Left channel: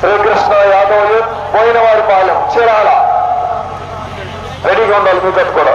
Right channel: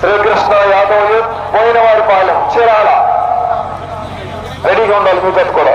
Srikrishna Yadav youth పోయినవారి పాలెం చీరాల. రెడీగా ఉండాలి మీ జత కూడా.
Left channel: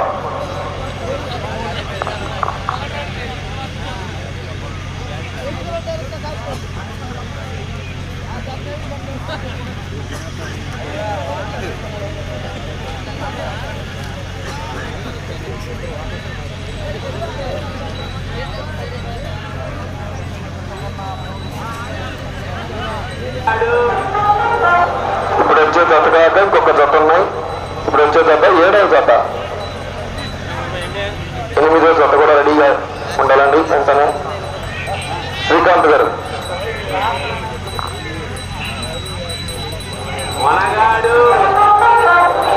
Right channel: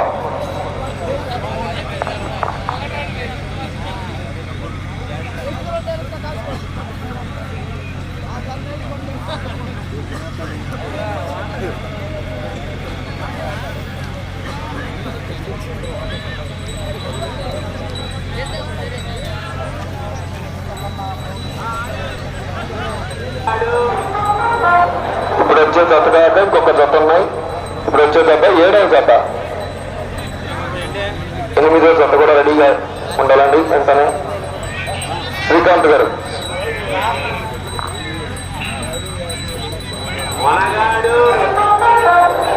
ఇప్పుడు వచ్చే జత కాక ఇంకొక జత ఉన్నాయి. ఇప్పుడు వచ్చే జత ఏడవ జత. ఎనిమిదో జత కూడా రెడీగా ఉండాలండి వెంటనే. శ్రీకాంత్ గారు. ఇక్కడ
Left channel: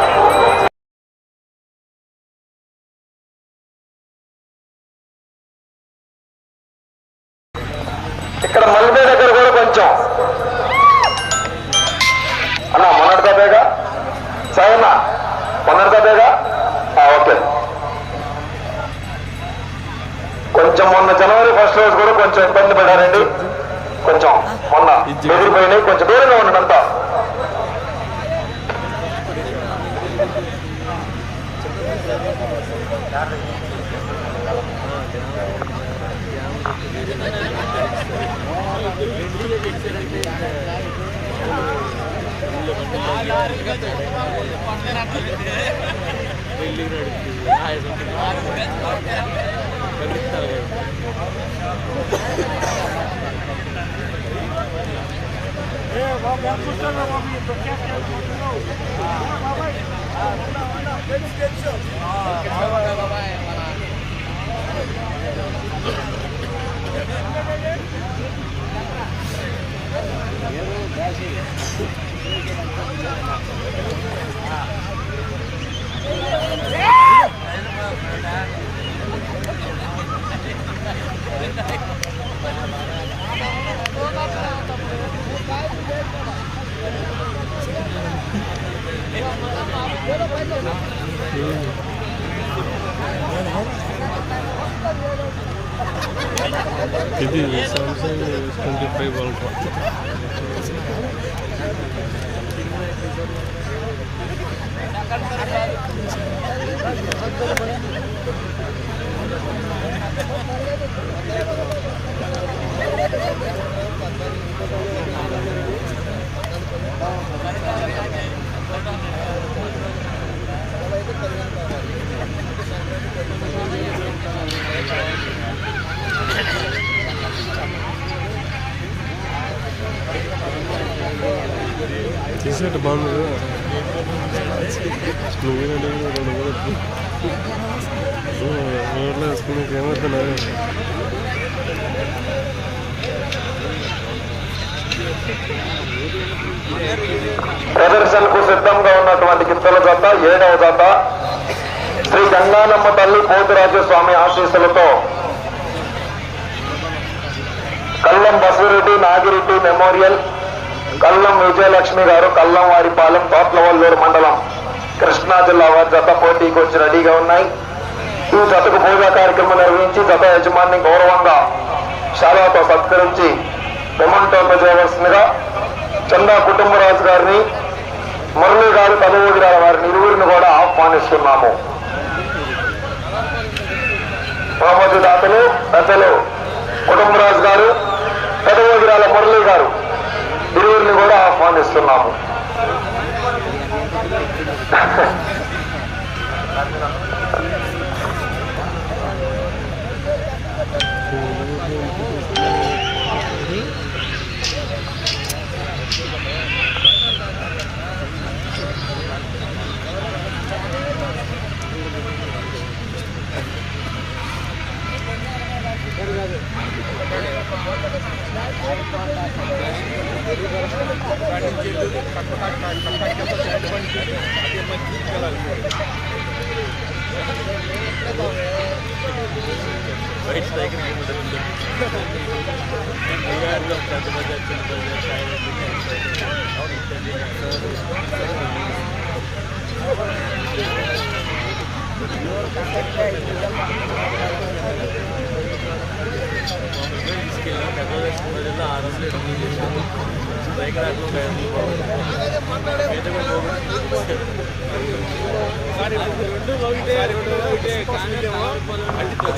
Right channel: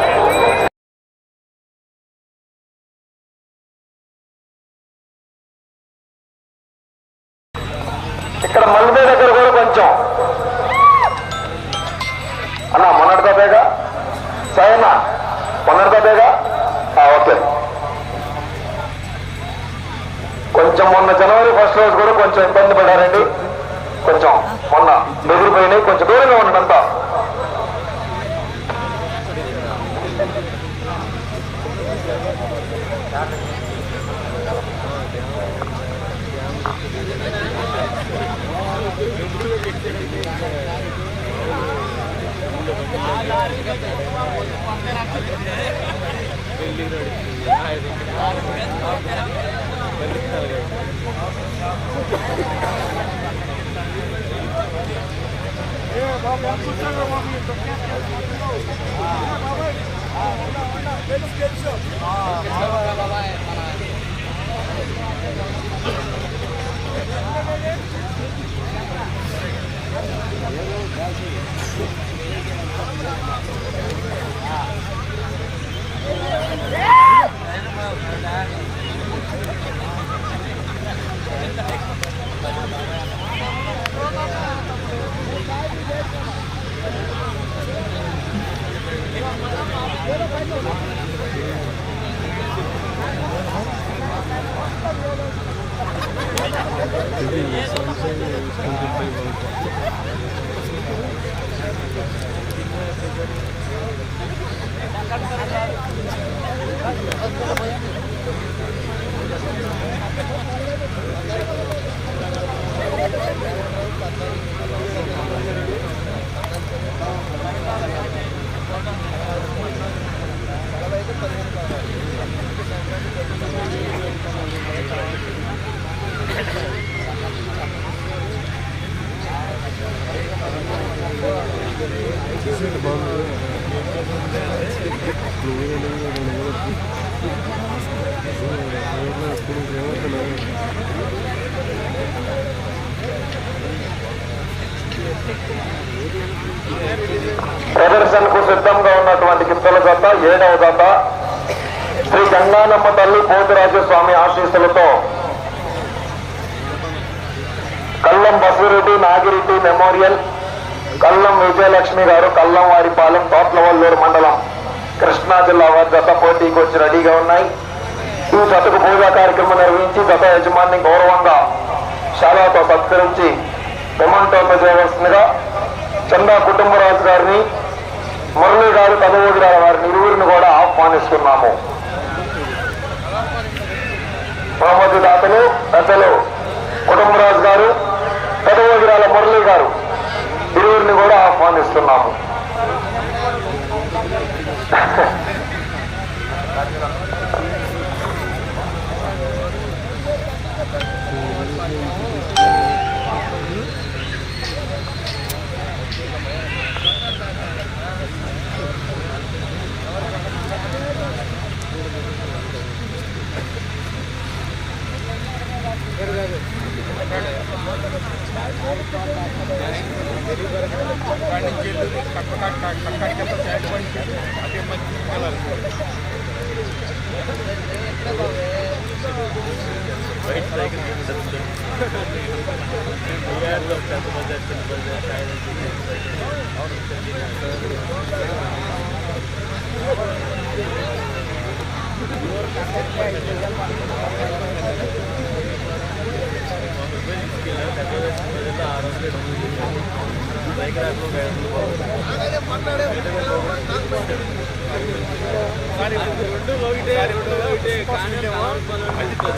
మొన్న ఎగిరిపోయినాయి కొంచెం దూరంగా ఉండండి అంతా శ్రీ తల్లి పోతురాజు స్వామి ఆశీస్సులతో కల్లం బసిరెడ్డి నాగిరెడ్డి మెమోరియల్ కల్లం విజయలక్ష్మి గారు కల్లం వారిపాలెం తోట్లవల్లూరు మండలం కృష్ణా జిల్లా వారి జత పోటీకి వచ్చి రెడీగా ఉన్నాయి. ఈ జతకు పూజా కార్యక్రమం నిర్వహించి జత యజమాని గౌరవంగా శాలతో సత్కరించి విమంటోన్న చేయవలసిందిగా చందా కుటుంబరాజు గారిని మురళీ గారు కలవూరి గారి వారిని ఇరువురిని కూడా ఆహ్వానిస్తున్నాము. మహమ్మద్ దాతలు పెద్దలు కుటుంబరాజు గారు పెదవోగిరాల మురళి గారు ఇరువురిని కూడా ఆహ్వానిస్తున్నాము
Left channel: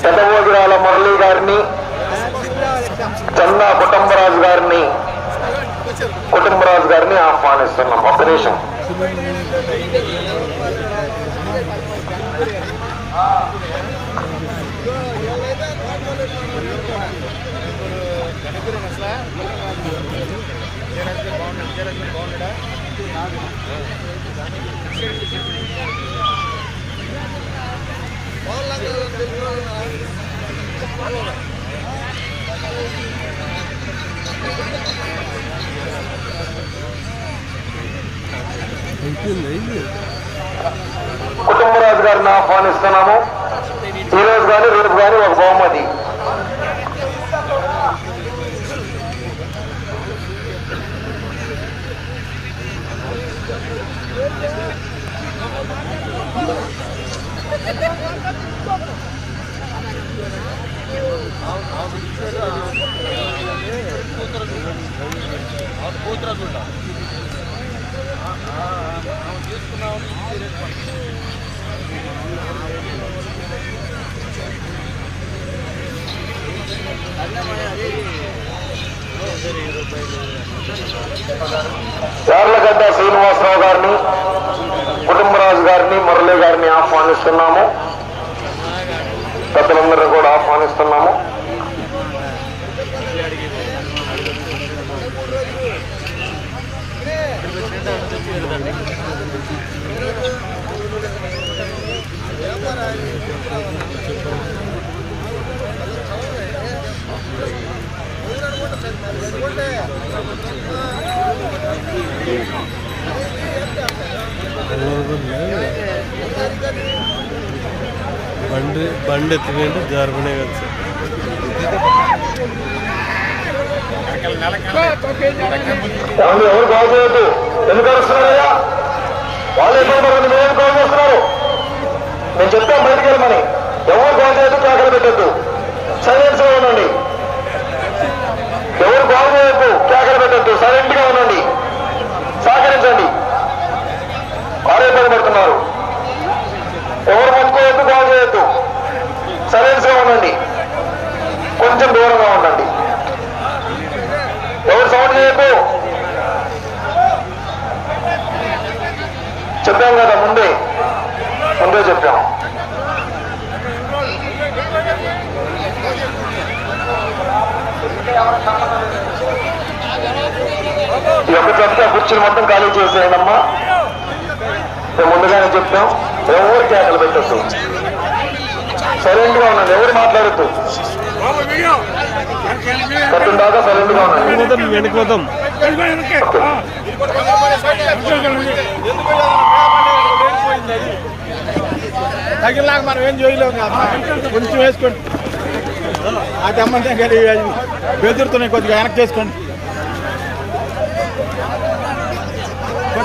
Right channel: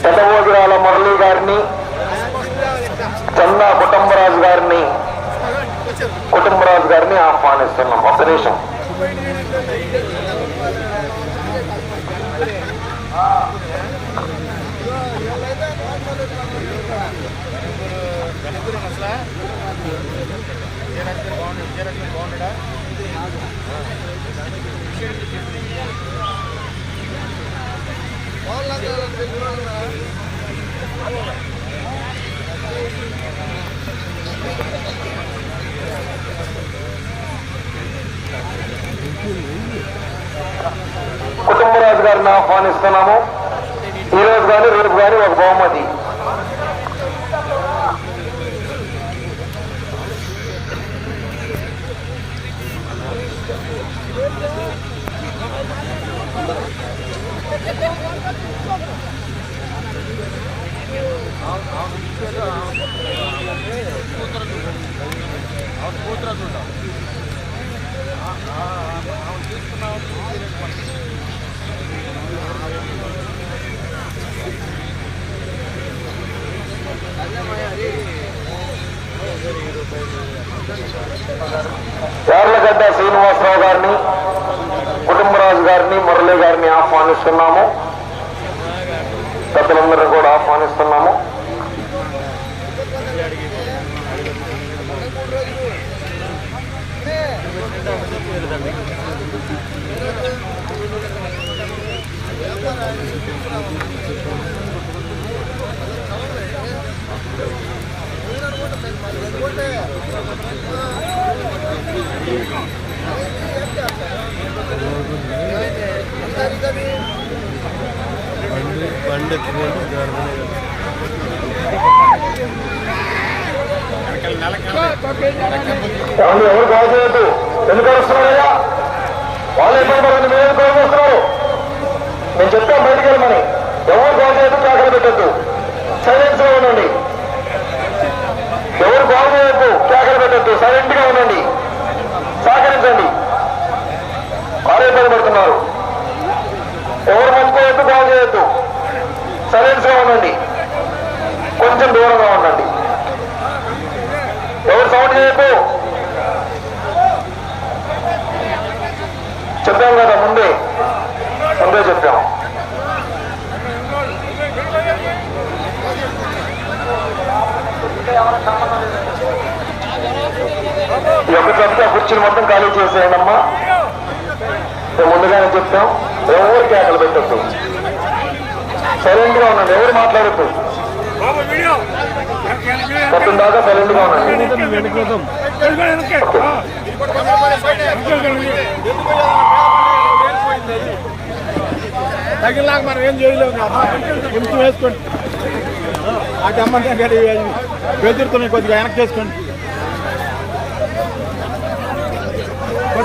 పెద్దమోగిరాల మురళీ గారిని చందా కుటుంబరాజు గారిని కుటుంబరాజు గారిని ఆహ్వానిస్తున్నాం. ఒక్క నిమిషం. కుటుంబరాజు గారిని ఆహ్వానిస్తున్నాము ఈ రోజు కానీ రేపు కానీ ఒక బహుమతి యార్లగడ్డ శ్రీనివాసరావు గారిని కుటుంబరాజు గారిని మురళి గారిని ఆహ్వానిస్తున్నాము. పెద్దలందరినీ కూడా ఆహ్వానిస్తున్నాము. బండి ఎత్తుకుంటే కదా ఎవరు కాల్ ఎందుకు వస్తున్నారయ్యా వాళ్ళు ఎందుకు మీరు కాల్ నేను చెప్తాను బయటికి వెళ్ళమని ఎవరు కాల్ చేయొద్దు కేకలు పెట్టద్దు. సైలెన్స్గా ఉండండి. ఎవరు కాల్ చేయొద్దు పెట్టద్దు. సైలెంట్గా ఉండండి సహకరించండి ఆరోగ్యం పెడుతున్నారు ఎవరు ముట్టుకోవద్దు కాల్ చేయొద్దు సైలెన్స్గా ఉండండి కొంచెం దూరంగా ఉండండి ఎవరు సౌండ్ చేయకు చెప్పాం కదా ముందే ముందే చెప్పాం ఈ యొక్క చెప్తే కుర్చీలు మొత్తం ఖాళీ చేసేయనమ్మా మేము ముందుగానే చెప్తాం. ఎవరు కేకలు పెట్టద్దు. సైలెంట్గా ఉండండి. ఎవరు మాట్లాడద్దు. కట్టిన దాకా సైలెంట్గా ఉండండి. వెళ్ళిపోతాం మనం ఏం చేయలేము కదా కొంచెం వేసుకోండి ఆ అమ్మంటే కానీ బెదురుతున్నాయి కొద్దిగా వెనక్కి చేసుకోండి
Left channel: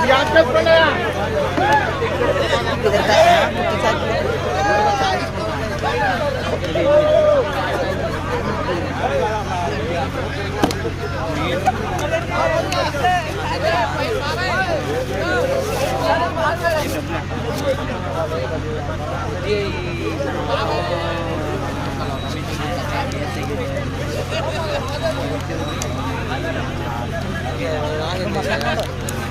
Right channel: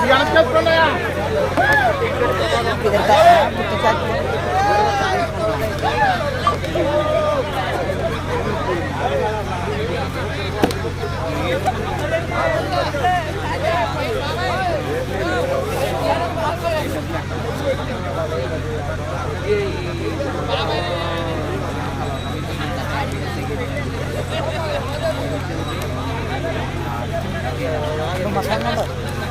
కొద్దిగా వెనక్కి చేసుకోండి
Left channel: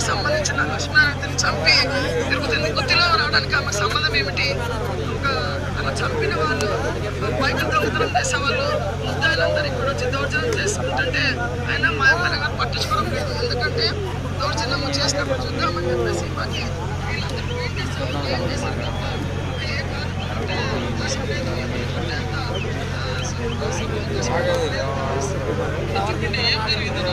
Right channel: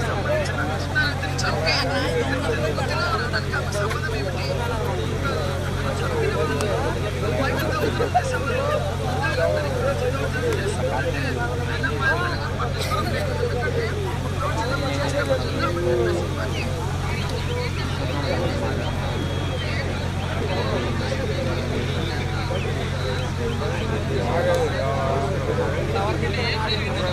సంబంధించిన లక్ష్మణారెడ్డిని చంపి తిరుగుతుంది గుత్తిలో రావడానికి ఆమె సంబంధం ఏమిటి? చంపిన వాళ్ళు అంటే సభలో ముద్దాయిలందరికీ కూడా వచ్చి దౌర్జన్యం చేసుకుంటుంటే ఆయన మా గారు పట్టించుకోవడం ఎందుకంటే దౌర్జన్యం చేసిన అని చెప్పేసి మాకు వీళ్ళందరూ వెయిట్ చేస్తున్నారు. ఏం చేశారు తప్ప ఏ కారణం అంటే అసలు నేను ఏమనుకుంటే అంత, ఆ, అసలు అసలు చేసుకోవాలి. ఎందుకంటే ఏం జరిగిందో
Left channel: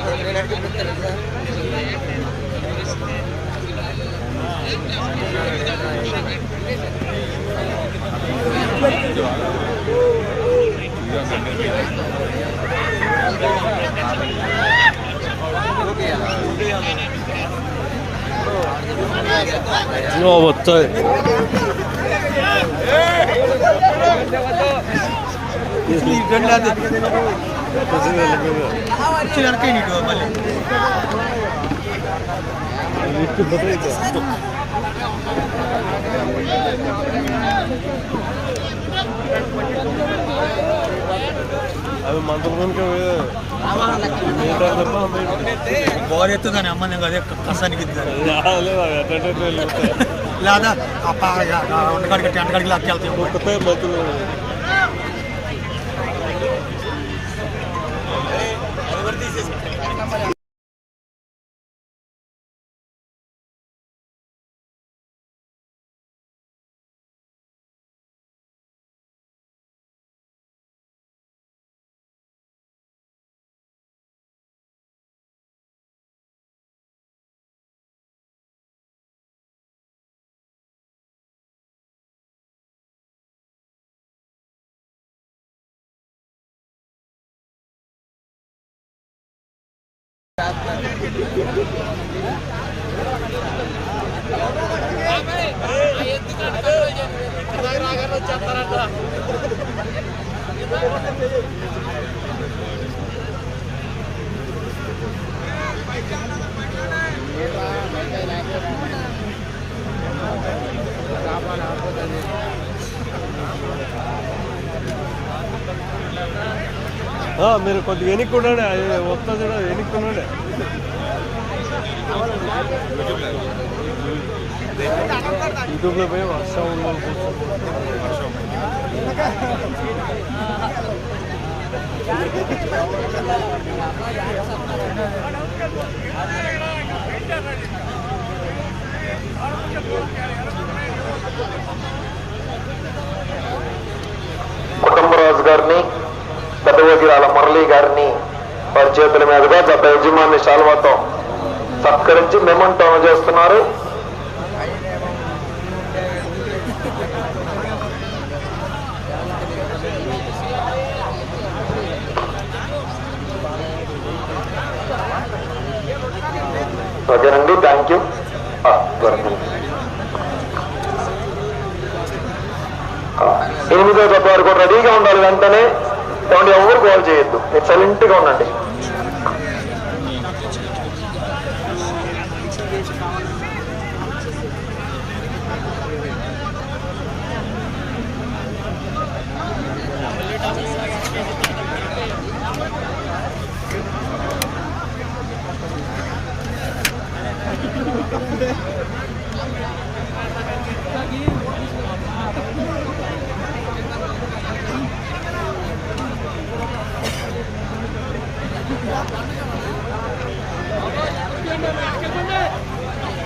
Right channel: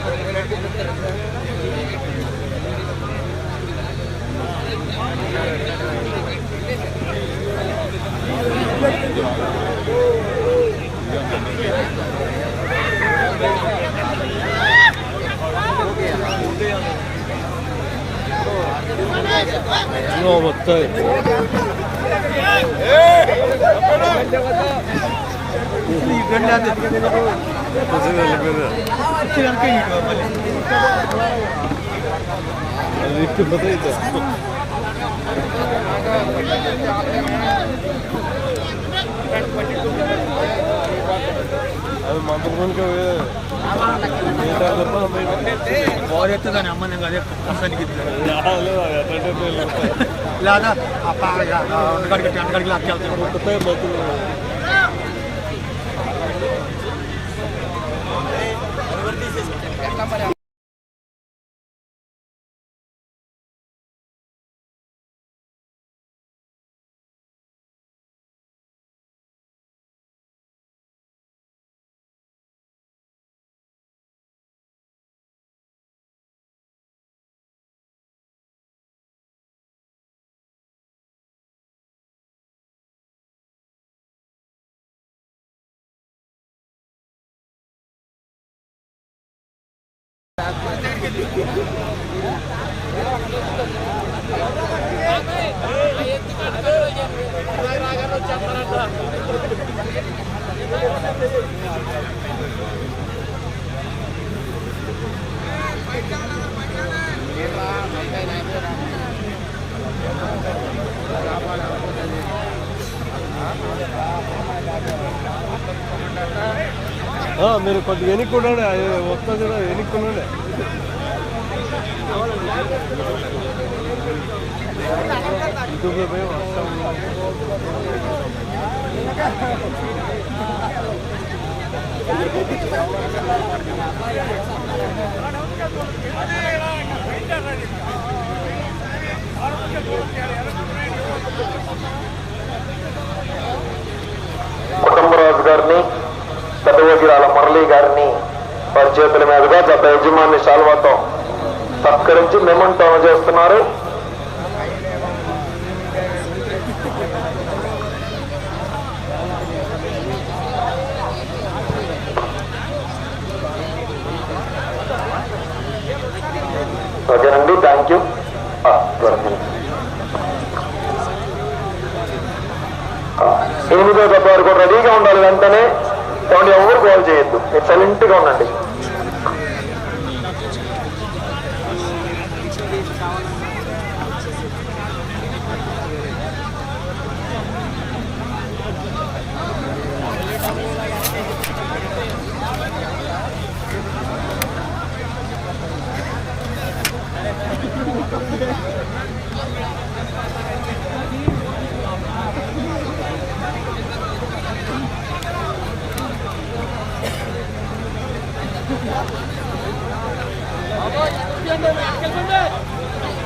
వస్తాయి వచ్చేసి వెళ్ళిపోయింది అది ఇచ్చిపోతే ఇది అది మంత్రునికి గోరు ఎత్తుగానే అమ్మ నేను అదే లేదా ఎంటకాడికి ఎంటకాడికి లాక్కెళ్తాను మీరు కొద్దిగా వెనుక్కుండండి అది వస్తుంది మీరు కొద్దిగా వెనుక్కున్నాడే వస్తుంది వెనుక్కున్నాడే కుటుంబరాజు గారిని పెద్ద వజీరాల మురళి గారిని వారి చేతుల మీదుగా గత యజమాని శాల్వాతో సత్కరించి మెమంటో చేస్తున్నారు. ఓకేనండి థ్యాంక్ యూ ఎనిమిదో దెబ్బ కూడా రెడీగా ఉండాలి వెంటనే. కాబట్టి ఎవరు కాల్ చేయొద్దు. ఎక్సలెంట్గా ఉండండి.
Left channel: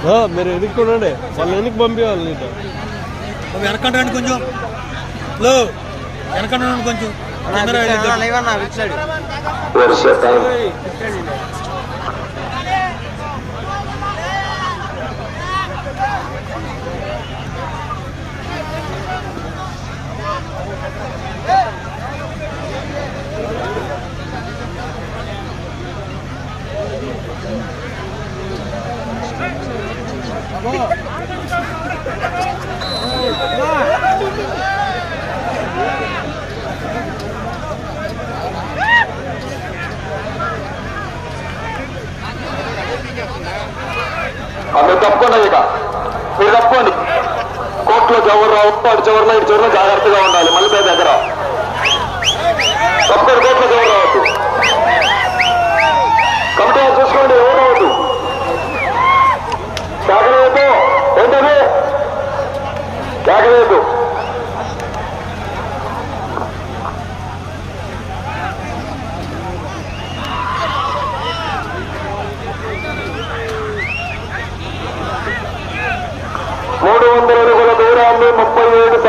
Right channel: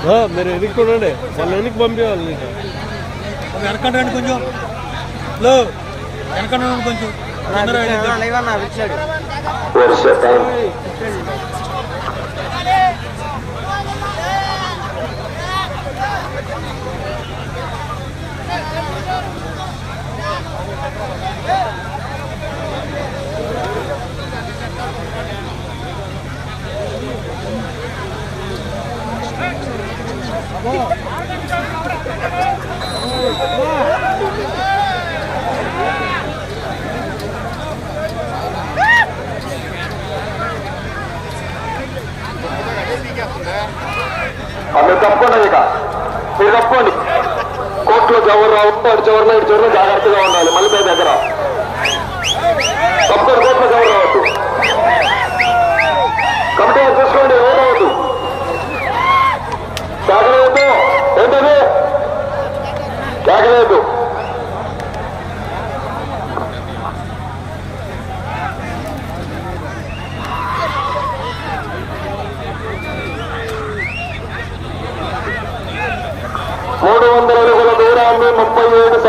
ఆ, మీరు వెనుక్కుండండి వాళ్ళు వెనక్కి పంపించాలి నీకు. వెనకండి కొంచెం. లో వెనకండి కొంచెం. అందరూ వెళ్ళిద్దాం. Where's your time? ఆ, మీరు తప్పకుండా ఇక మీరు తప్పండి కోర్టులో చివరి ఉంటాడు చివరిలో ఇటు చివరిలో జాగ్రత్తగా ఉండాలి మళ్ళీ మీ దగ్గర తప్పకుండా కోర్టులో చివరి రావద్దు కమిటీ వారు చూసుకోండి ఎవరు రావద్దు కేకలేదు ఏంటది కేకలేదు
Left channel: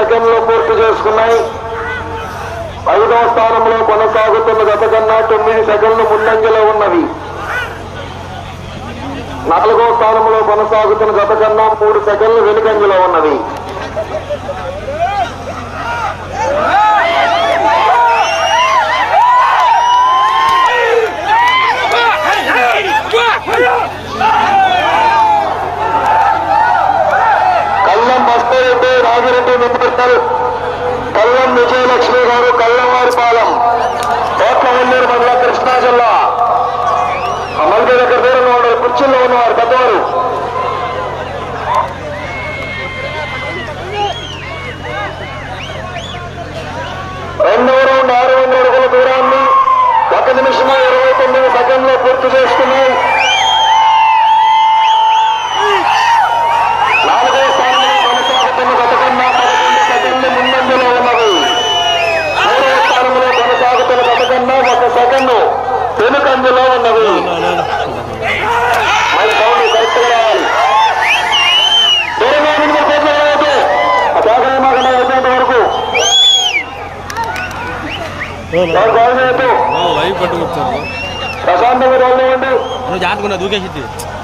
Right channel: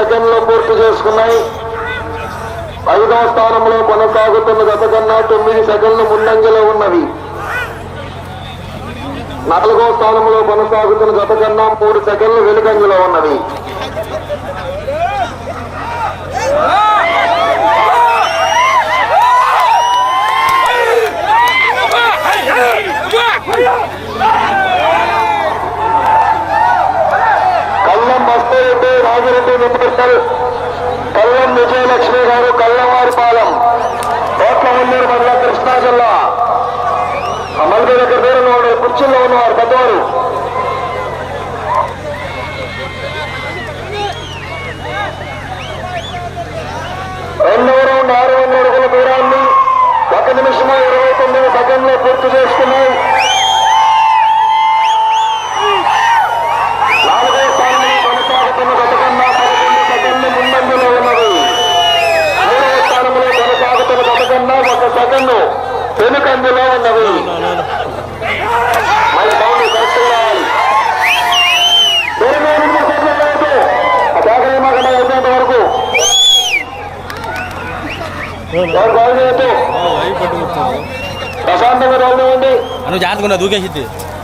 సెకండ్లు పూర్తి చేసుకున్నాయి. ఐదవ స్థానంలో కొనసాగుతున్న గత కన్నా తొమ్మిది సెకండ్లు ముందంజలో ఉన్నవి. నాలుగో స్థానంలో కొనసాగుతున్న గత కన్నా మూడు సెకండ్లు వెనుకంజలో ఉన్నవి కల్లం బస్తరెడ్డి రాజిరెడ్డి కల్లం విజయలక్ష్మి గారు కల్లవారిపాలెం కోట్ల కోట్లవల్లూరు మండలం కృష్ణా జిల్లా. అమలు దగ్గర దూరంలో ఉన్నారు కుర్చీలో ఉన్నవారు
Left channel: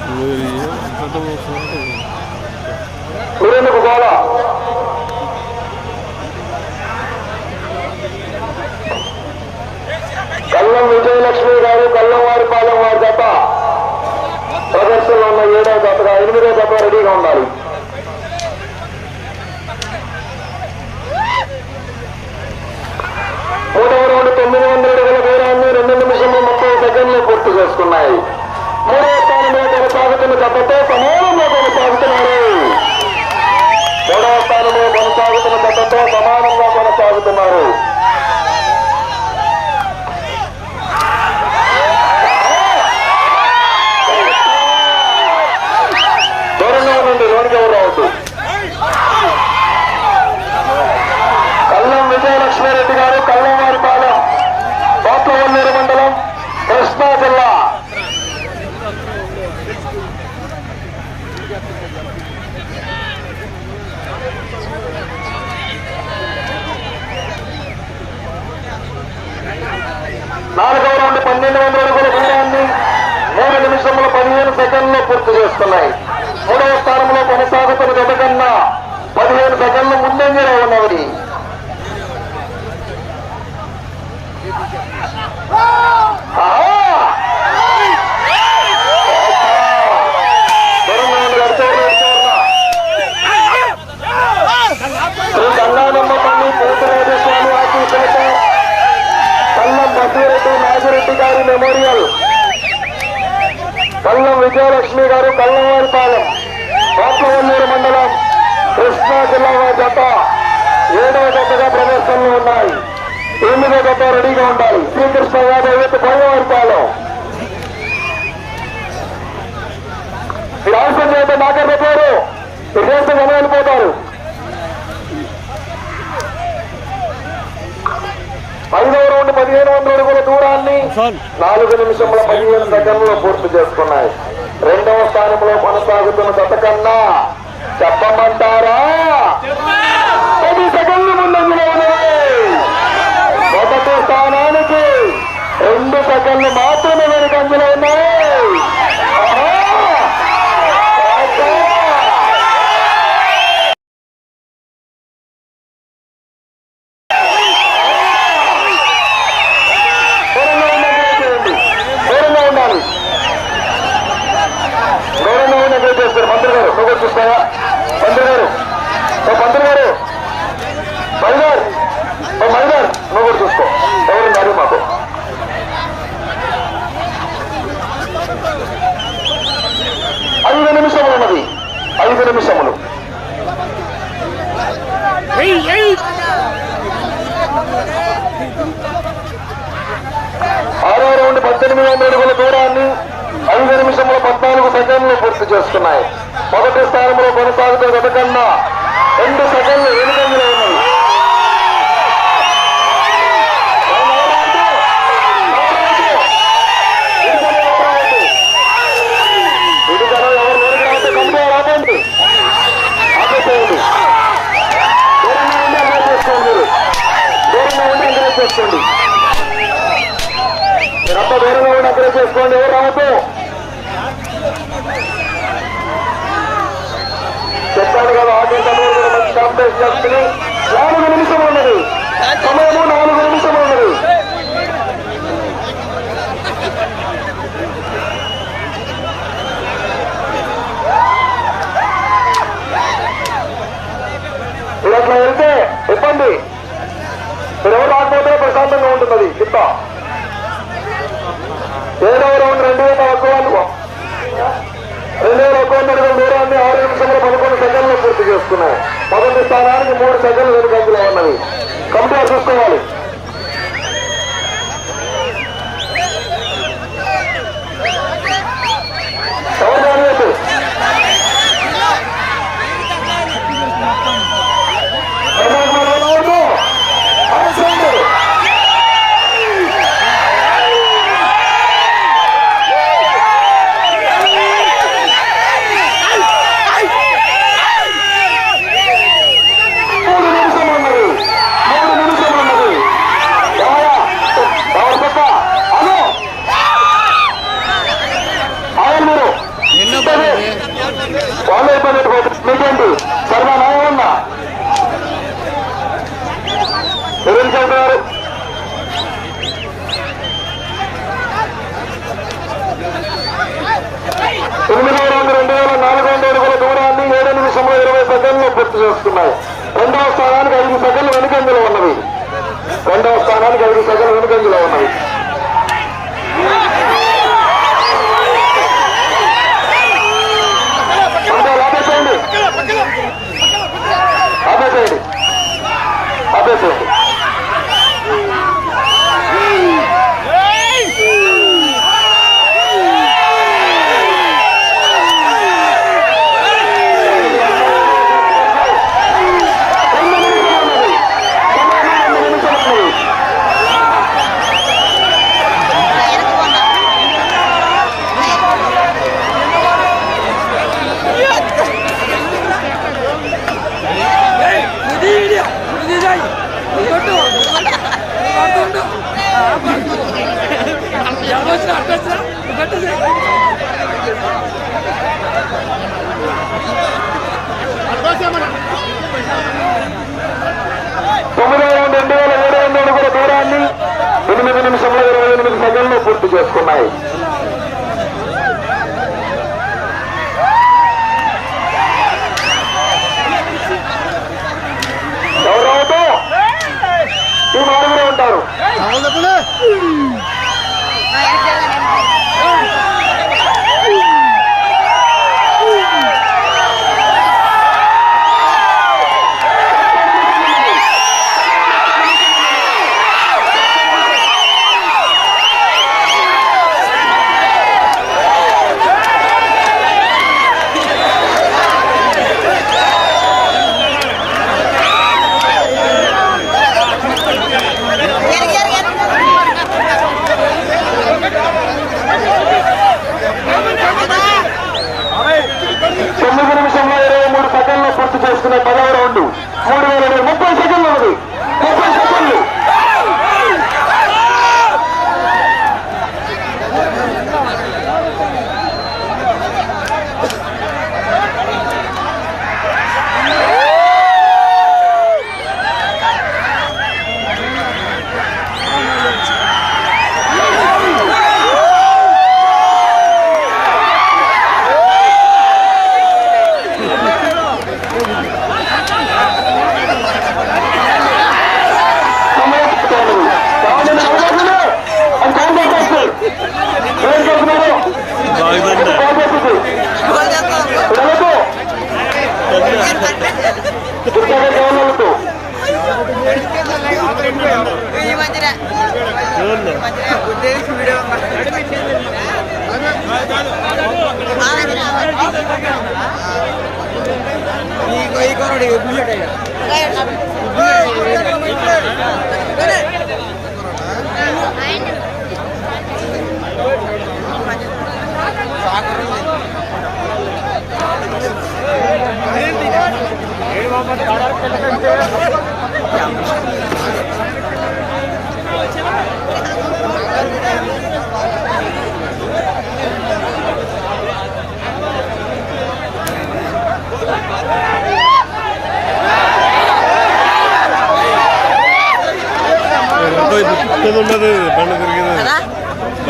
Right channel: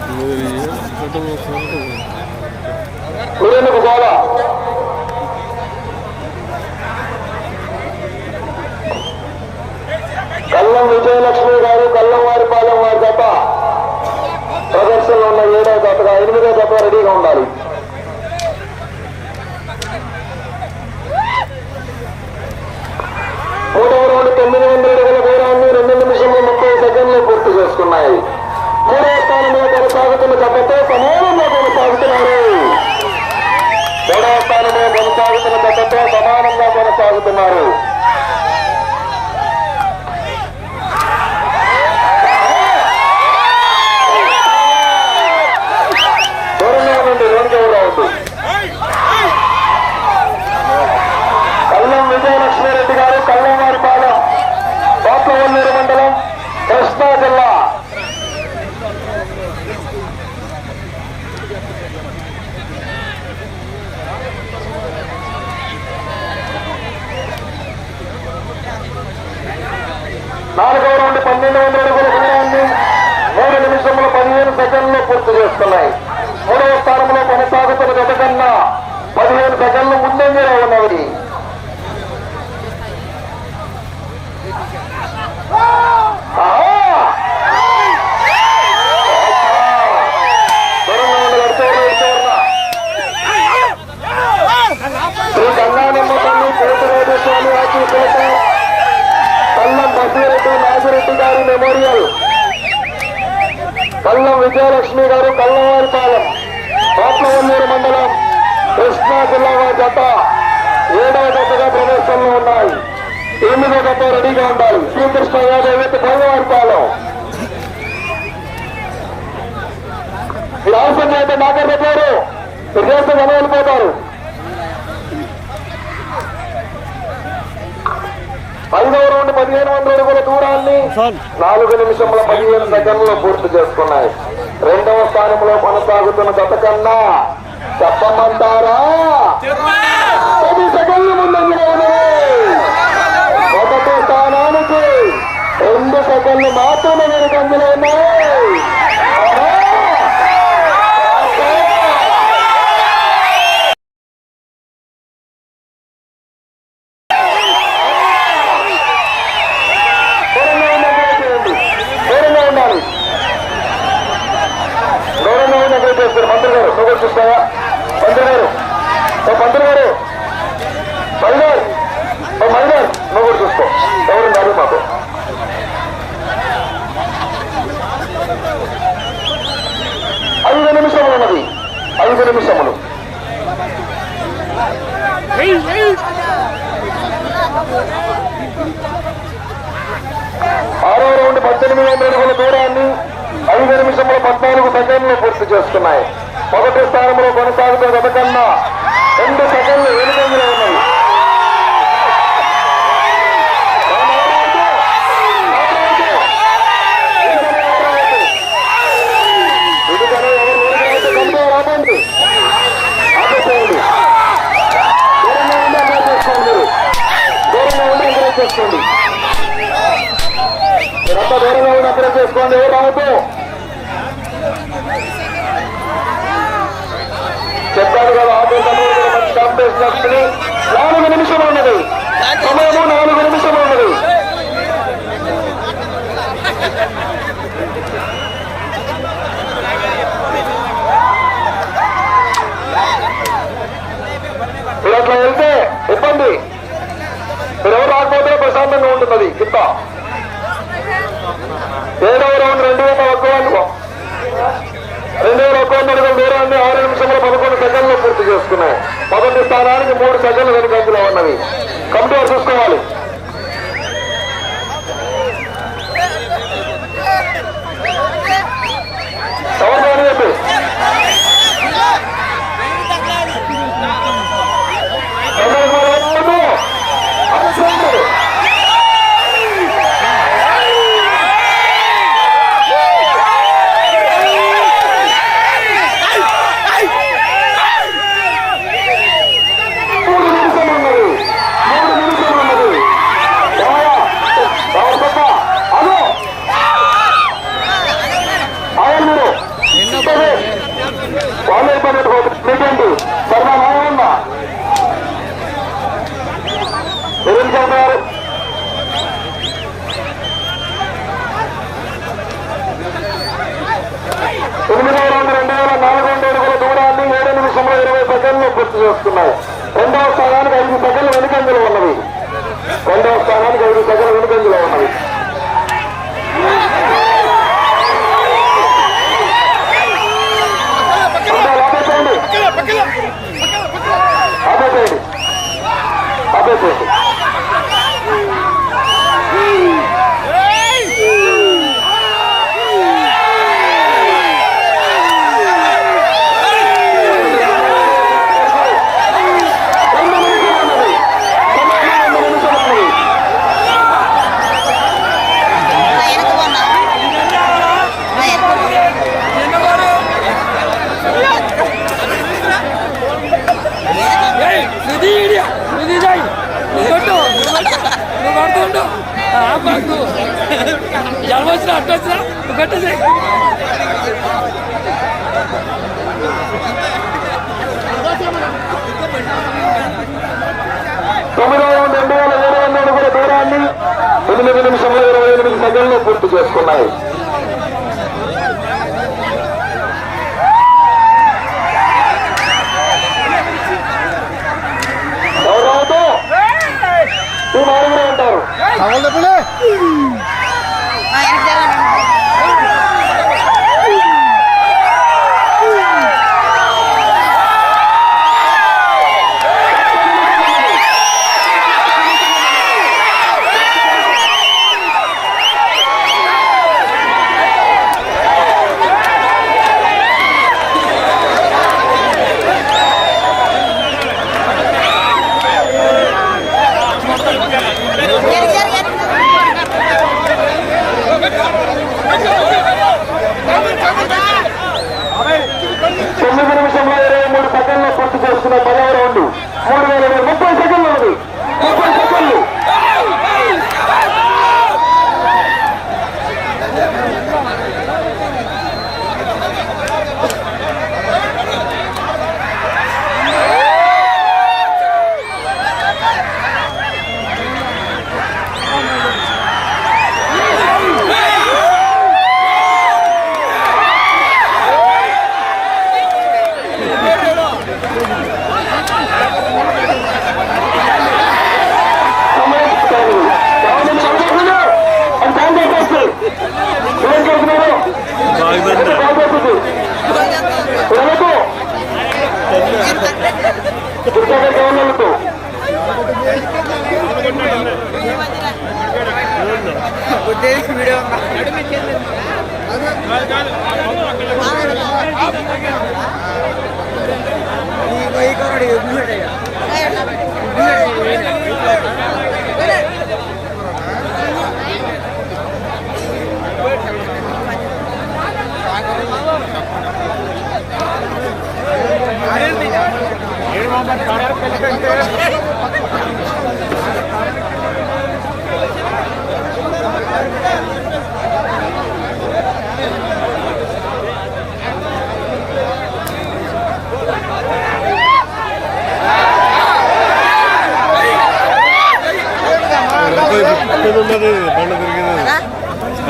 నువ్వు జాగ్రత్తగా దూకేసిద్ది మీరు కల్లం విజయలక్ష్మి గారు కల్లం వారి పాలెం వారి జత. ప్రదర్శనలో ఉన్న ఏడో జతగా ఎనిమిదో జత రెడీగా ఉండాలి. కృష్ణా జిల్లా వారి జత ఏడవ జతగా ప్రదర్శనలో ఉన్నాయి. ఎనిమిదో జత రెడీగా ఉండాలి. శ్రీకృష్ణ యాదవ్ కల్లంవారిపాలెం మీరు అవసరం అయితే మాట్లాడతారు విశేషం వెళ్ళిపోతారు ఐదవ రౌండ్ పదిహేను వందల అడుగుల దూరాన్ని నాలుగు నిమిషముల పదిహేను సెకండ్లు పూర్తి చేసుకున్నాయి. రెండవ స్థానంలో కొనసాగుతున్న గత కన్నా చెప్పమంటారా? పది సెకండ్ల ముందంజలో ఉన్నది మొదటి స్థానానికి రెండు సెకండ్లు మాత్రమే వెనుకంజలో ఉన్నాయి ఆహా! ఆహా! దూరంగా ఉన్నట్టు చేయండి. దూరంగా ఉండాలి దూరంగా ఉన్నట్టు చేస్తారు మంత్రి గారు నువ్వు కూడా చూస్తావా మంత్రి గారు ఓ మంత్రి గారు మైదార్ ఓ మైదార్ నువ్వు కూడా చూసుకో ఎవరున్నారు మాకు ఐదు నిమిషములు ఉన్నది ఐదు నిమిషములు ఆరో రౌండ్ పద్దెనిమిది వందల అడుగుల దూరాన్ని ఐదు నిమిషముల పద్నాలుగు సెకండ్లు పూర్తి చేసుకున్నాయి మొదటి స్థానంలో కొనసాగుతున్న గత కన్నా రెండు సెకండ్లు వెనుకంజలో ఉన్నాయి ఆపేసేయండి దూరంగా లాక్ చేసుకోండి మీరంతా దూరంగా ఉండి అక్కడే చేసుకోండి ఎవరు రావద్దు? చెప్పాను కదా ఆటో తమ్ముడు కూడా మంచి కాంపిటీషన్ చేస్తుంది. నాలుగు నిమిషం ఉన్నది. సమయము నాలుగు నిమిషం ఉన్నది. మీరు అట్లా వెళ్తే ఇబ్బంది. మీరు ఎవరు రాకపోతే ప్రశాంతంగా ఉంటున్నది. చిత్త ఏడవ రౌండ్ రెండు వేల రెండు వేల ఒక్క వంద దూరాన్ని ఆరు నిమిషంలో పదకొండు సెకండ్లు పూర్తి చేసుకున్నాయి. మొదటి స్థానానికి మూడు సెకండ్లు వెనుకంజలో ఉన్నవి. కంప్యూటర్ చూసుకోవాలి ఎవరు రానియద్దు. ఎవరు రానియద్దు. అలసిపోతారు. మూడు నిమిషాలు ఉన్నది. మూడు నిమిషాలు ఉన్నది. బాగా. బాగా పక్క. అదో. ఆగండి మీరు. సరే. వాళ్ళు అయిపోయినట్టు మీకేంటి సరదా నాయన్న ఎవరు చెప్తున్నారు తొమ్మిది రెండు రెండు వేల నాలుగు వందల అడుగుల దూరాన్ని ఏడు నిమిషంలో ఇరవై సెకండ్లు పూర్తి చేస్తున్నాయి. రెండవ స్థానానికి ఐదు సెకండ్లు వెనుకంజలో ఉన్నవి. రెండవ స్థానానికి ఐదు సెకండ్లు వెనుకంజలో ఉన్నవి. అందరూ ఆపేసేయండి. ఆపేసేయండి ఆపేసేయండి రెండు నిమిషాలు ఉన్నది సమయం రెండు నిమిషాలు ఉన్నది తొమ్మిది రౌండ్ రెండు వేల ఏడు వందల అడుగుల దూరాన్ని ఎనిమిది నిమిషంలో ఇరవై ఎనిమిది సెకండ్లు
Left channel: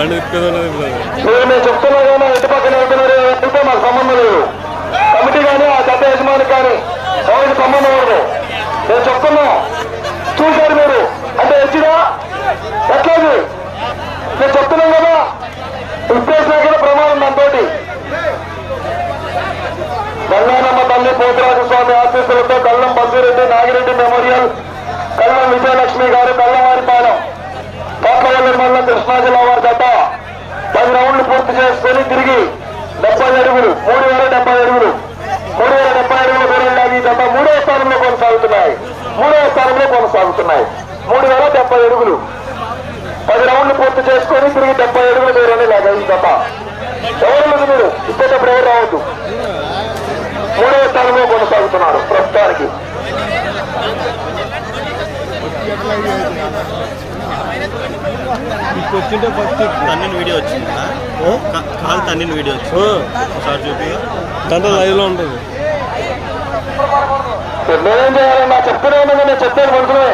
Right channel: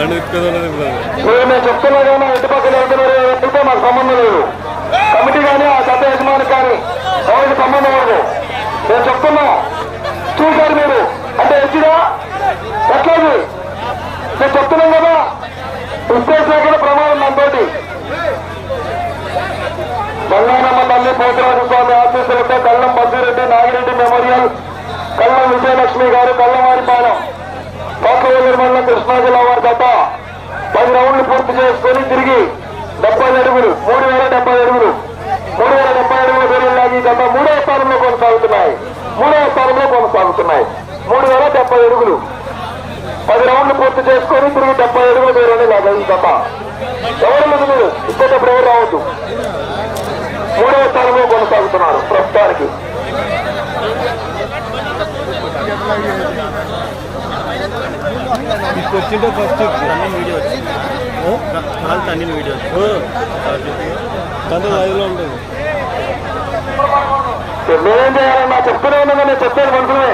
బండి తిప్పేది ఉన్నది ఇప్పుడు కానీ ఇంటి పక్కన వెళ్తున్నారు అంటే మాకు సంబంధం లేదు. కమిటీ కానీ ఆ కానీ ఎవరికి సంబంధం లేదు. నేను చెప్తున్నా. చూశారు మీరు. అంటే ఎచ్చిదా ఎట్లేదు? నేను చెప్తున్నాను కదా. ఉద్దేశం కూడా ప్రమాదం దాంతోటి గంగానమ్మ తల్లి పోతురాజు స్వామి ఆశీస్సులతో కల్లం బసిరెడ్డి నాగిరెడ్డి మెమోరియల్ కళ్ళం విజయలక్ష్మి గారు కల్లవారిపాలెం కోటవేలూరు మండలం కృష్ణా జిల్లా వారి జత పది రౌండ్లు పూర్తి చేసుకొని తిరిగి డెబ్బై అడుగులు మూడు వేల డెబ్బై అడుగులు మూడు వేల డెబ్బై అడుగులు దూరంలో ఈ మూడో స్థానంలో కొనసాగుతున్నాయి. మూడో స్థానంలో కొనసాగుతున్నాయి. మూడు వేల డెబ్బై అడుగులు. పది రౌండ్లు పూర్తి చేసుకొని తిరిగి డెబ్బై అడుగులు దూరంలో లాగా ఈ జత. ఎవరు మీరు? ఇచ్చేటప్పుడు ఎవరు రావద్దు. మూడవ స్థానంలో కొనసాగుతున్నారు ప్రస్తుతానికి. ఇటు వచ్చింటే ఫస్ట్ తన్నిన వీడియో వచ్చింది కాల్ తన్నిన వీడియో వచ్చింది. తండ్రి లైవ్లో ఉంటుంది. నేనేం చేయాలన్నా చెప్తూనే ఉన్నాను నేను చెప్పేది కొంచెమే